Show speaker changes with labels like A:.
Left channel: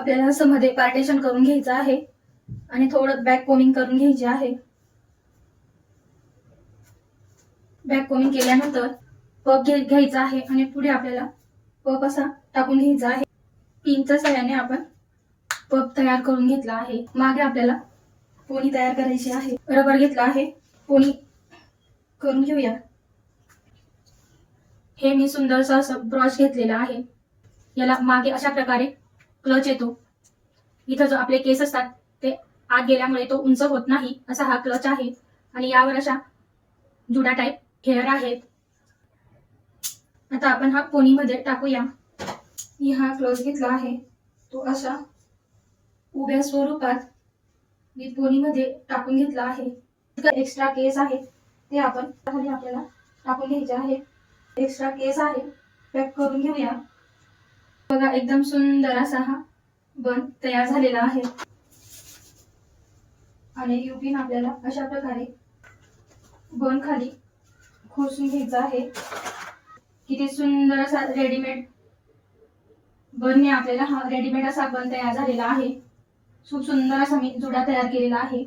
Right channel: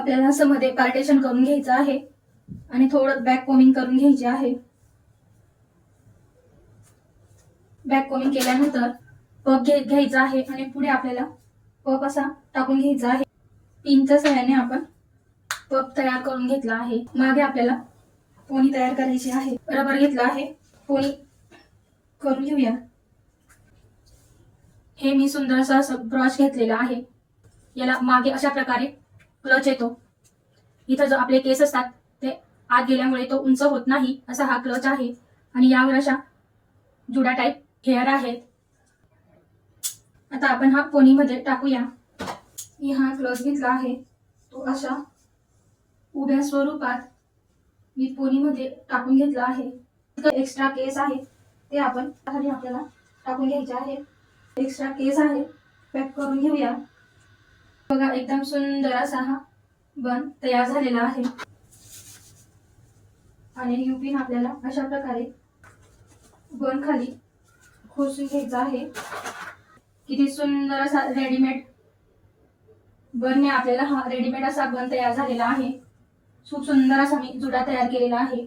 A: आपल्याला असं मध्ये पार्टेशन करून घ्यायचं आहे. आणि थोडं बॅक कोमिंग करून घ्यायचे आहे. बॅक कोमिंग केल्यानंतर पप घ्यायचा आहे आणि पुढे आपल्याला पप असा टाकून घ्यायचा आहे. पिनच्या सहाय्याने आपण पप तयार करून घेतला आहे. मागे आपल्याला पोनी तयार करायची आहे. रबर घेतला आहे. पोनी करून घेऊया. हे मी सुंदरसं असं ब्रॉश घेतलेला आहे. याला मागे अशा प्रकारे क्लच येतो. इथं जो आपले केस असतात ते आत गेल्यामुळे तो उंच होत नाही असा हा क्लच आहे. आणि यावर अशा जुडा टाईप हेअर आहेत. आता आपण हा पोनीमध्ये टाकूया. मी हा क्लच घेतला आहे. तो अशा उभ्या स्वरूपात मी पोनीमध्ये टाकून घेतला आहे. एक्स्ट्रा केस आहे ते आपण खाली आपल्याला टाकून घ्यायचे आहे. एक्स्ट्रा केस आहे पॅक करून घेऊया. बघा एकदम सुंदर असा हा बन तयार झालेला आहे. आणि युपिन आपल्याला अशा प्रकारे बन खाली खुसून घ्यायचा आहे. किती सुंदर असा रेडीमेड बनने आपल्याला हा रेडीमेड असा बन तयार झालेला आहे. खूप सुंदर असा मी जुडा तयार केलेला आहे.